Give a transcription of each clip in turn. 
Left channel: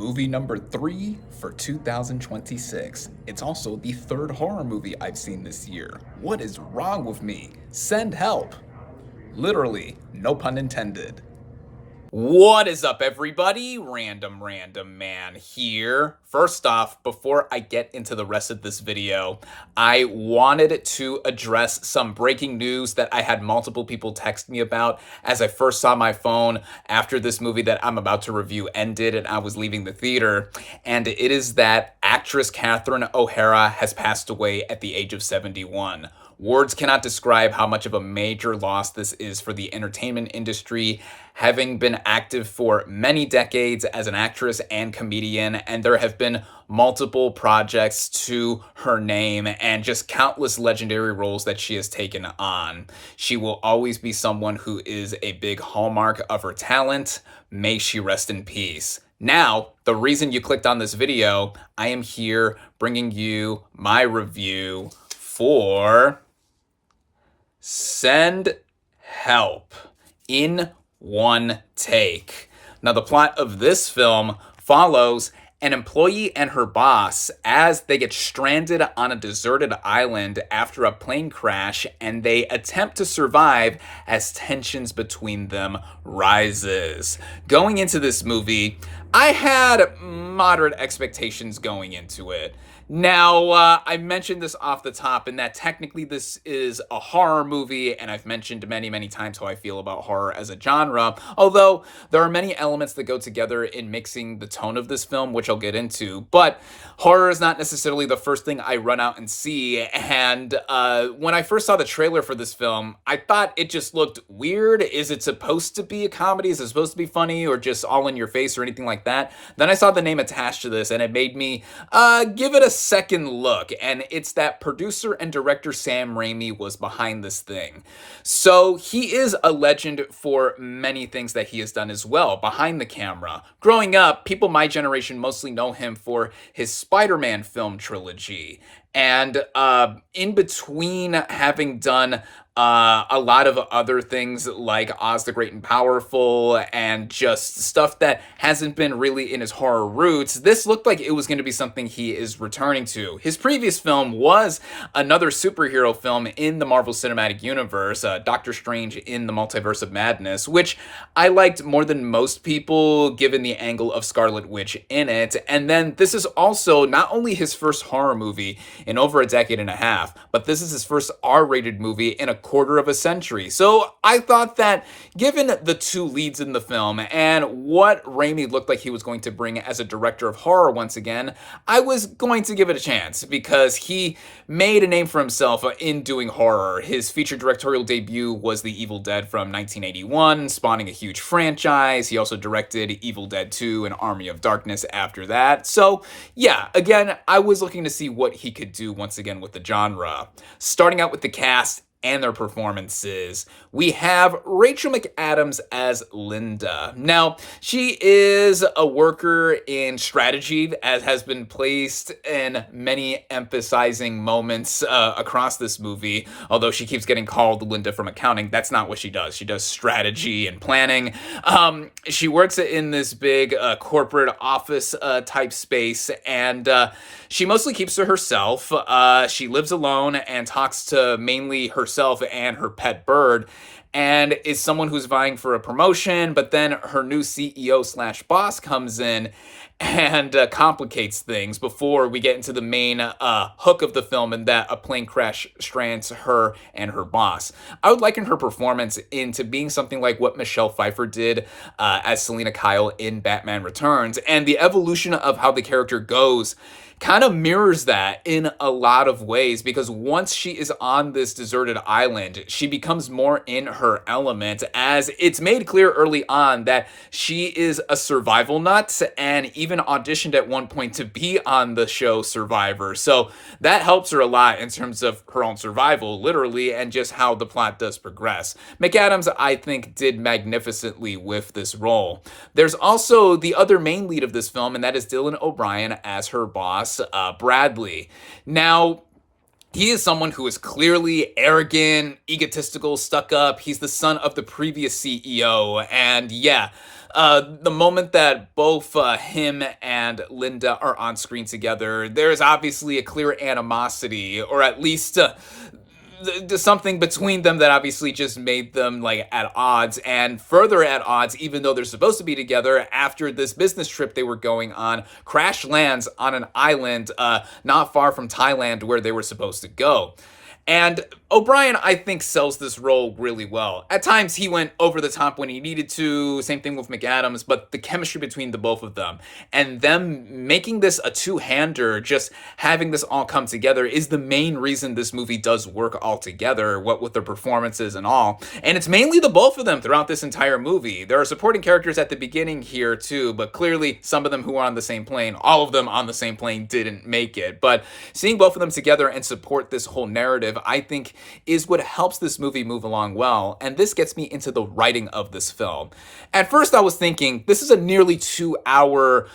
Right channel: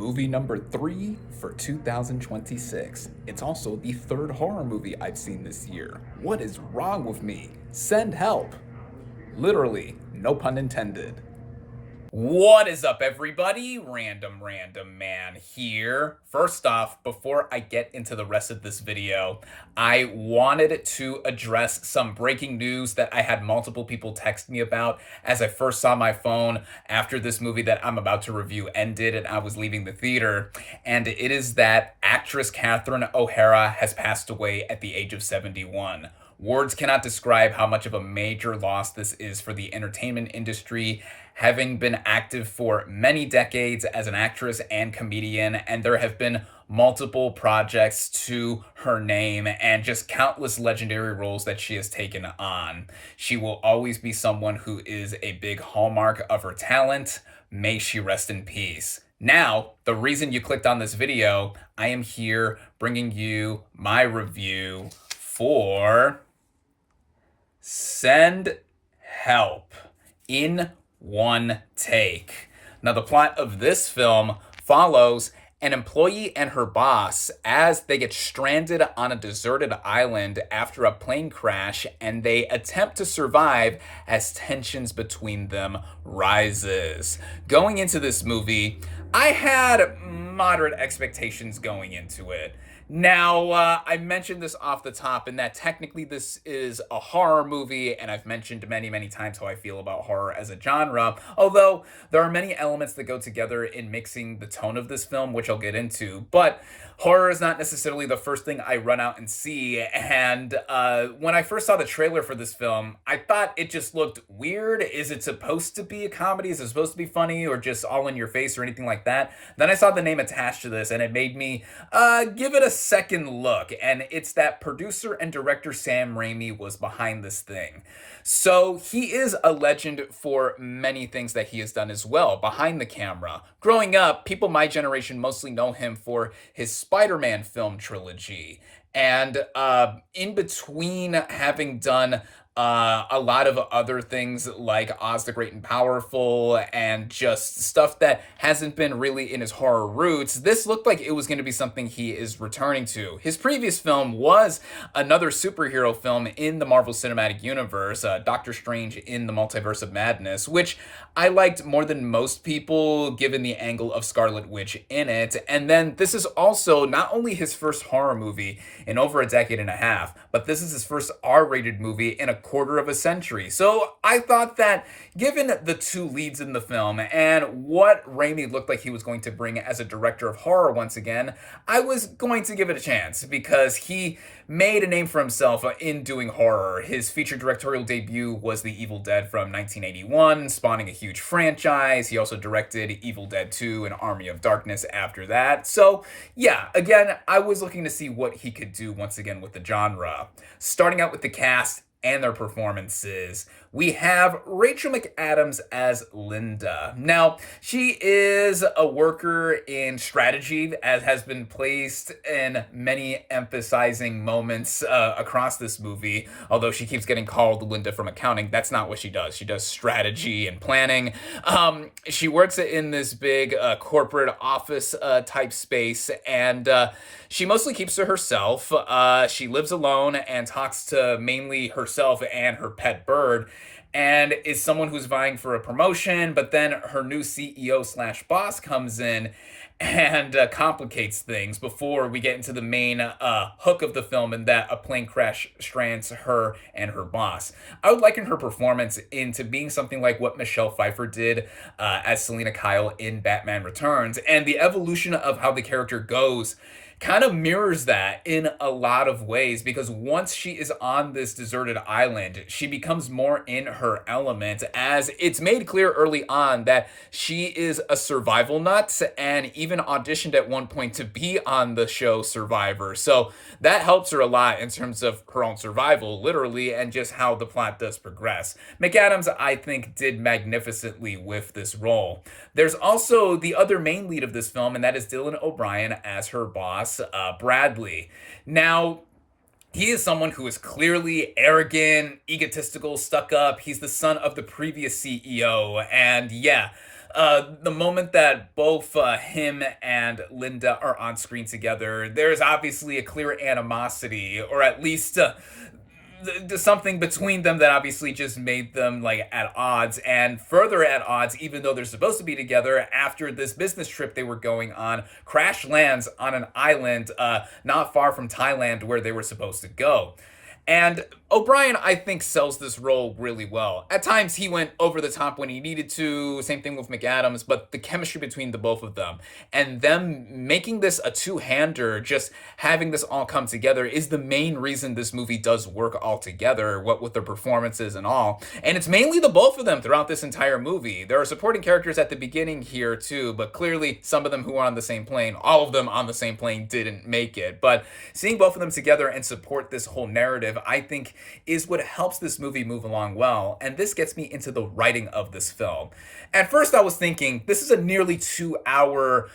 movie number 3 for 2026. It's also the third horror movie I've seen this year. What is wrong with me? Send help. Literally, no pun intended. What is up, everybody? Random Random Man here. First off, before I get into the rest of this video, I wanted to address some breaking news that I had multiple people text me about as I first saw my phone after this movie that I'm about to review ended and I was leaving the theater. And it is that actress Catherine O'Hara has passed away at the age of 71. Words cannot describe how much of a major loss this is for the entertainment industry, having been active for many decades as an actress and comedian, and there have been multiple projects to her name and just countless legendary roles that she has taken on. She will always be someone who is a big hallmark of her talent. May she rest in peace. Now, the reason you clicked on this video, I am here bringing you my review for Send Help in one take. Now, the plot of this film follows an employee and her boss as they get stranded on a deserted island after a plane crash, and they attempt to survive as tensions between them rises. Going into this movie, I had moderate expectations going into it. Now, I mentioned this off the top in that technically this is a horror movie, and I've mentioned many, many times how I feel about horror as a genre, although there are many elements that go together in mixing the tone of this film, which I'll get into, but horror is not necessarily the first thing I run out and see, and when I first saw the trailer for this film, I thought it just looked weird. Is it supposed to be a comedy? Is it supposed to be funny, or just all in your face, or anything like that? Then I saw the name attached to this, and it made me give it a second look, and it's that producer and director Sam Raimi was behind this thing. So he is a legend for many things that he has done as well behind the camera. Growing up, people my generation mostly know him for his Spider-Man film trilogy, and in between having done a lot of other things like Oz the Great and Powerful and just stuff that hasn't been really in his horror roots, this looked like it was going to be something he is returning to. His previous film was another superhero film in the Marvel Cinematic Universe, Doctor Strange in the Multiverse of Madness, which I liked more than most people given the angle of Scarlet Witch in it. And then this is also not only his first horror movie in over a decade and a half, but this is his first R-rated movie in a quarter of a century. So I thought that given the two leads in the film and what Raimi looked like he was going to bring as a director of horror once again, I was going to give it a chance because he made a name for himself in doing horror. His feature directorial debut was The Evil Dead from 1981, spawning a huge franchise. He also directed Evil Dead 2 and Army of Darkness after that. So yeah, again, I was looking to see what he could do once again with the genre. Starting out with the cast and their performances, we have Rachel McAdams as Linda. Now, she is a worker in strategy, as has been placed in many emphasizing moments across this movie, although she keeps getting called Linda from accounting. That's not what she does. She does strategy and planning. She works in this big corporate office type space, and she mostly keeps to herself. She lives alone and talks to mainly herself and her pet bird, and is someone who's vying for a promotion, but then her new CEO slash boss comes in and complicates things before we get into the main hook of the film, and that a plane crash strands her and her boss. I would liken her performance into being something like what Michelle Pfeiffer did as Selena Kyle in Batman Returns, and the evolution of how the character goes kind of mirrors that in a lot of ways, because once she is on this deserted island, she becomes more in her element, as it's made clear early on that she is a survival nut and even auditioned at one point to be on the show Survivor. So that helps her a lot in terms of her own survival, literally, and just how the plot does progress. McAdams, I think, did magnificently with this role. There's also the other main lead of this film, and that is Dylan O'Brien as her boss, Bradley. Now, he is someone who is clearly arrogant, egotistical, stuck up. He's the son of the previous CEO. And yeah, the moment that both him and Linda are on screen together, there's obviously a clear animosity, or at least something between them that obviously just made them like at odds, and further at odds, even though they're supposed to be together. After this business trip they were going on crash lands on an island not far from Thailand where they were supposed to go. And O'Brien, I think, sells this role really well. At times, he went over the top when he needed to. Same thing with McAdams, but the chemistry between the both of them and them making this a two-hander, just having this all come together, is the main reason this movie does work all together, what with their performances and all. And it's mainly the both of them throughout this entire movie. There are supporting characters at the beginning here, too, but clearly some of them who are on the same plane, all of them on the same plane, didn't make it. But seeing both of them together and support this whole narrative, I think, is what helps this movie move along well, and this gets me into the writing of this film. At first I was thinking, this is a nearly 2-hour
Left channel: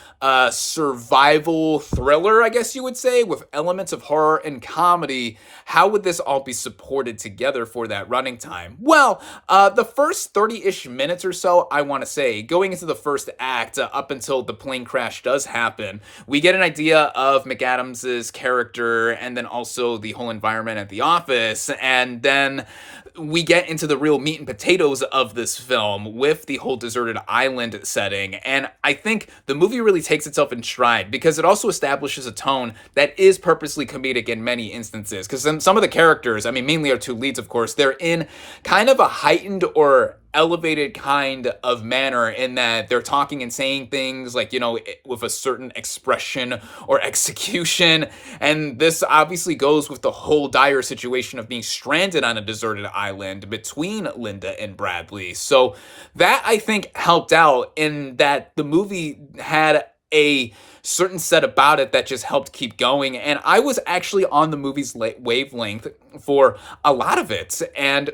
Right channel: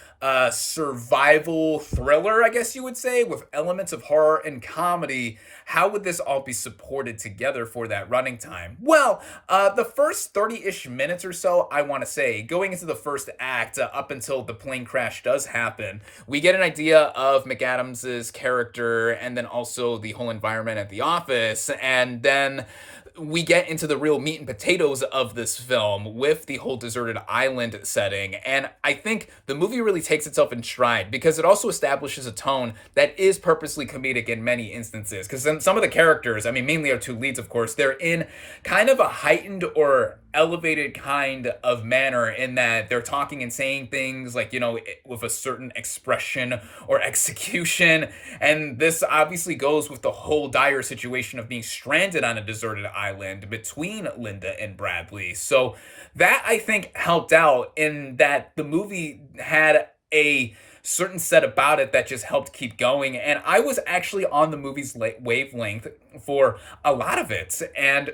survival thriller, I guess you would say, with elements of horror and comedy. How would this all be supported together for that running time? Well, the first 30-ish minutes or so, I want to say, going into the first act, up until the plane crash does happen, we get an idea of McAdams' character, and then also the whole environment at the office, and then we get into the real meat and potatoes of this film with the whole deserted island setting. And I think the movie really takes itself in stride because it also establishes a tone that is purposely comedic in many instances. Because some of the characters, I mean, mainly our two leads, of course, they're in kind of a heightened or elevated kind of manner in that they're talking and saying things like, you know, with a certain expression or execution. And this obviously goes with the whole dire situation of being stranded on a deserted island between Linda and Bradley. So that, I think, helped out in that the movie had a certain set about it that just helped keep going. And I was actually on the movie's wavelength for a lot of it. And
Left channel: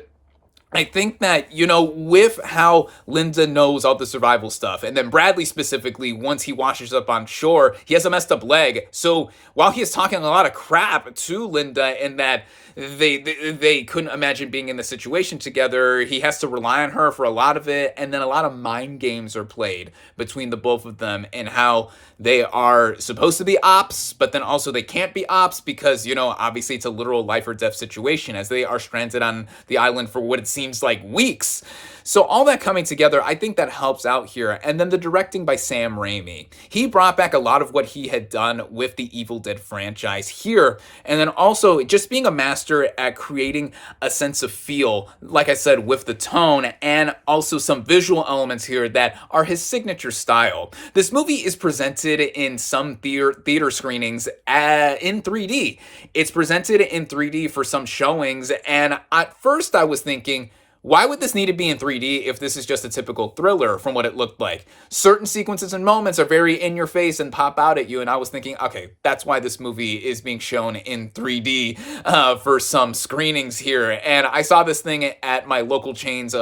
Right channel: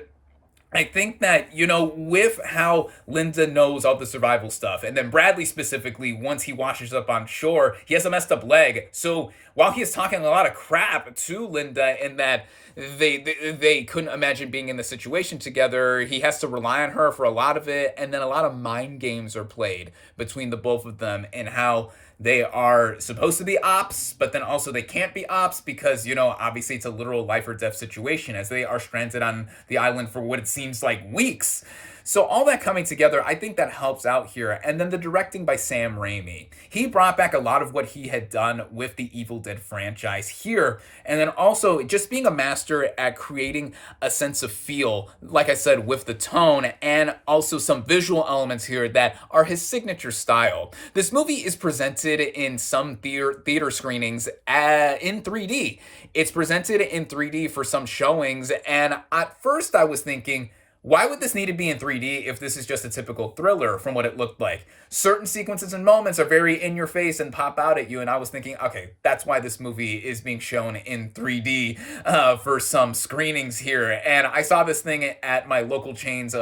I think that, you know, with how Linda knows all the survival stuff, and then Bradley specifically, once he washes up on shore, he has a messed up leg. So while he is talking a lot of crap to Linda in that they couldn't imagine being in the situation together, he has to rely on her for a lot of it, and then a lot of mind games are played between the both of them and how they are supposed to be ops, but then also they can't be ops because, you know, obviously it's a literal life or death situation as they are stranded on the island for what it seems like weeks. So all that coming together, I think that helps out here. And then the directing by Sam Raimi. He brought back a lot of what he had done with the Evil Dead franchise here. And then also just being a master at creating a sense of feel, like I said, with the tone, and also some visual elements here that are his signature style. This movie is presented in some theater screenings in 3D. It's presented in 3D for some showings. And at first I was thinking, why would this need to be in 3D if this is just a typical thriller from what it looked like? Certain sequences and moments are very in your face and pop out at you, and I was thinking, okay, that's why this movie is being shown in 3D for some screenings here. And I saw this thing at my local chain's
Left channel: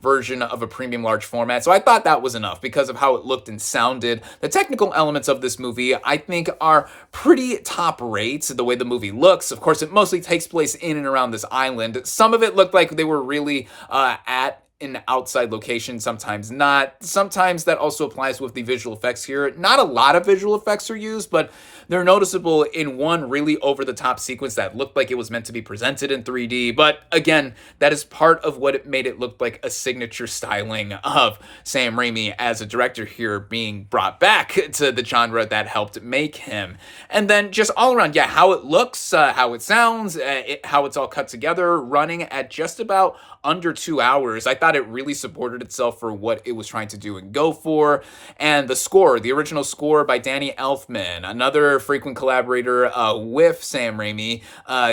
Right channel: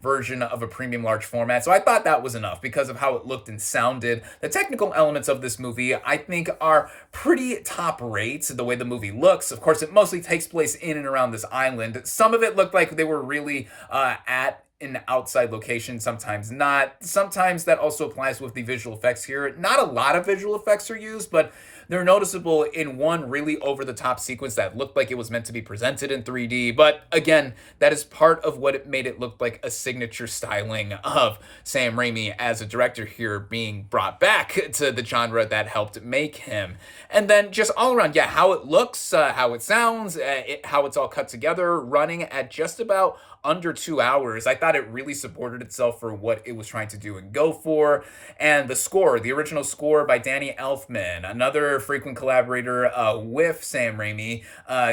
version of a premium large format, so I thought that was enough because of how it looked and sounded. The technical elements of this movie, I think, are pretty top rate. The way the movie looks, of course, it mostly takes place in and around this island. Some of it looked like they were really at an outside location, sometimes not. Sometimes that also applies with the visual effects here. Not a lot of visual effects are used, but they're noticeable in one really over-the-top sequence that looked like it was meant to be presented in 3D. But again, that is part of what it made it look like a signature styling of Sam Raimi as a director here being brought back to the genre that helped make him. And then just all around, yeah, how it looks, how it sounds, how it's all cut together, running at just about under 2 hours. I thought it really supported itself for what it was trying to do and go for. And the score, the original score by Danny Elfman, another frequent collaborator with Sam Raimi,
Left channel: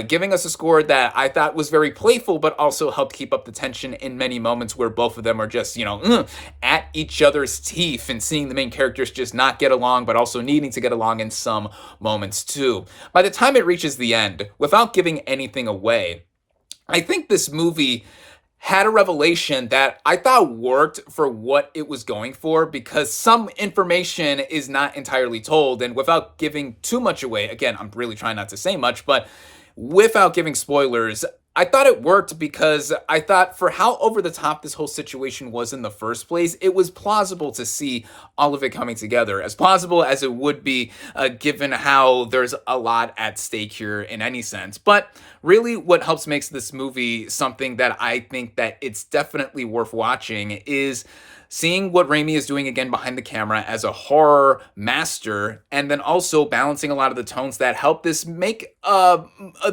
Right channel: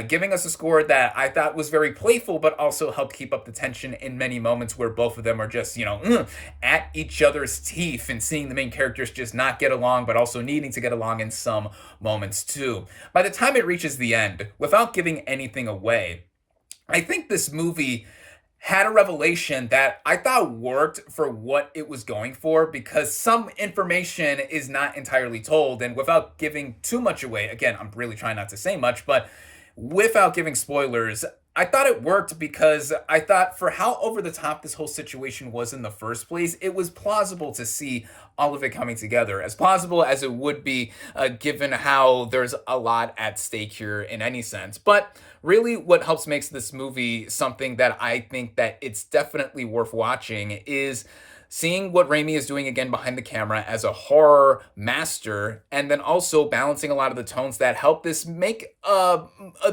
giving us a score that I thought was very playful, but also helped keep up the tension in many moments where both of them are just, you know, at each other's teeth and seeing the main characters just not get along, but also needing to get along in some moments too. By the time it reaches the end, without giving anything away, I think this movie had a revelation that I thought worked for what it was going for, because some information is not entirely told. And without giving too much away, again, I'm really trying not to say much, but without giving spoilers, I thought it worked because I thought for how over the top this whole situation was in the first place, it was plausible to see all of it coming together. As plausible as it would be, given how there's a lot at stake here in any sense. But really, what helps makes this movie something that I think that it's definitely worth watching is seeing what Raimi is doing again behind the camera as a horror master, and then also balancing a lot of the tones that help this make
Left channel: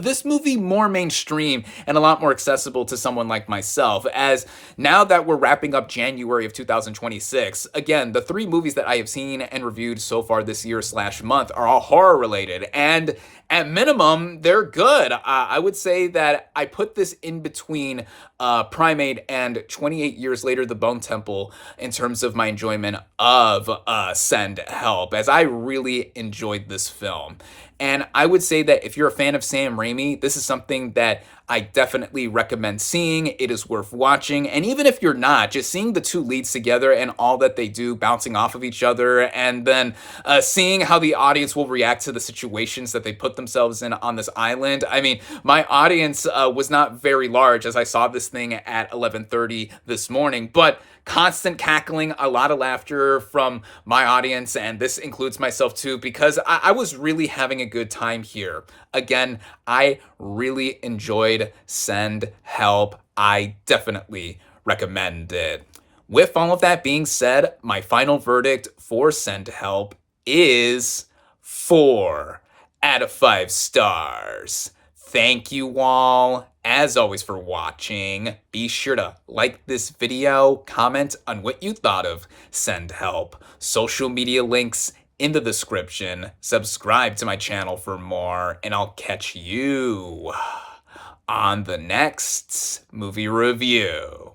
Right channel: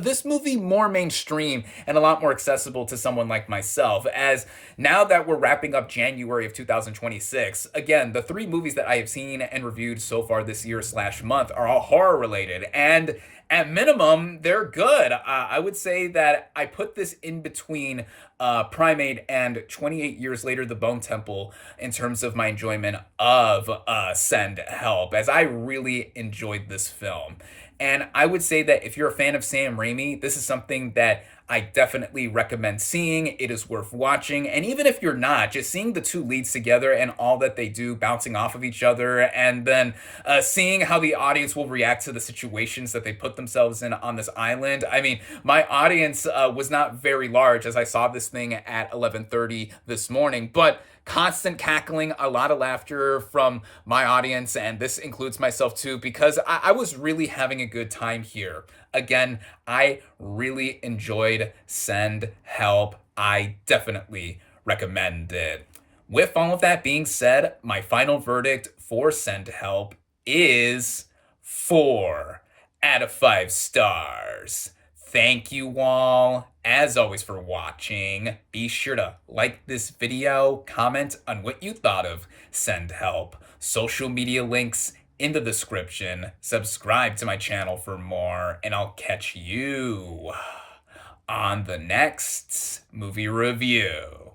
this movie more mainstream and a lot more accessible to someone like myself. As now that we're wrapping up January of 2026, again, the three movies that I have seen and reviewed so far this year slash month are all horror related, and at minimum, they're good. I would say that I put this in between Primate and 28 Years Later, The Bone Temple in terms of my enjoyment of Send Help, as I really enjoyed this film. And I would say that if you're a fan of Sam Raimi, this is something that I definitely recommend seeing. It is worth watching. And even if you're not, just seeing the two leads together and all that they do bouncing off of each other, and then seeing how the audience will react to the situations that they put themselves in on this island. I mean, my audience was not very large as I saw this thing at 11:30 this morning, but constant cackling, a lot of laughter from my audience, and this includes myself too, because I was really having a good time here. Again, I really enjoyed Send Help. I definitely recommend it. With all of that being said, my final verdict for Send Help is 4 out of 5 stars. Thank you all, as always, for watching. Be sure to like this video, comment on what you thought of Send Help. Social media links in the description. Subscribe to my channel for more, and I'll catch you on the next movie review.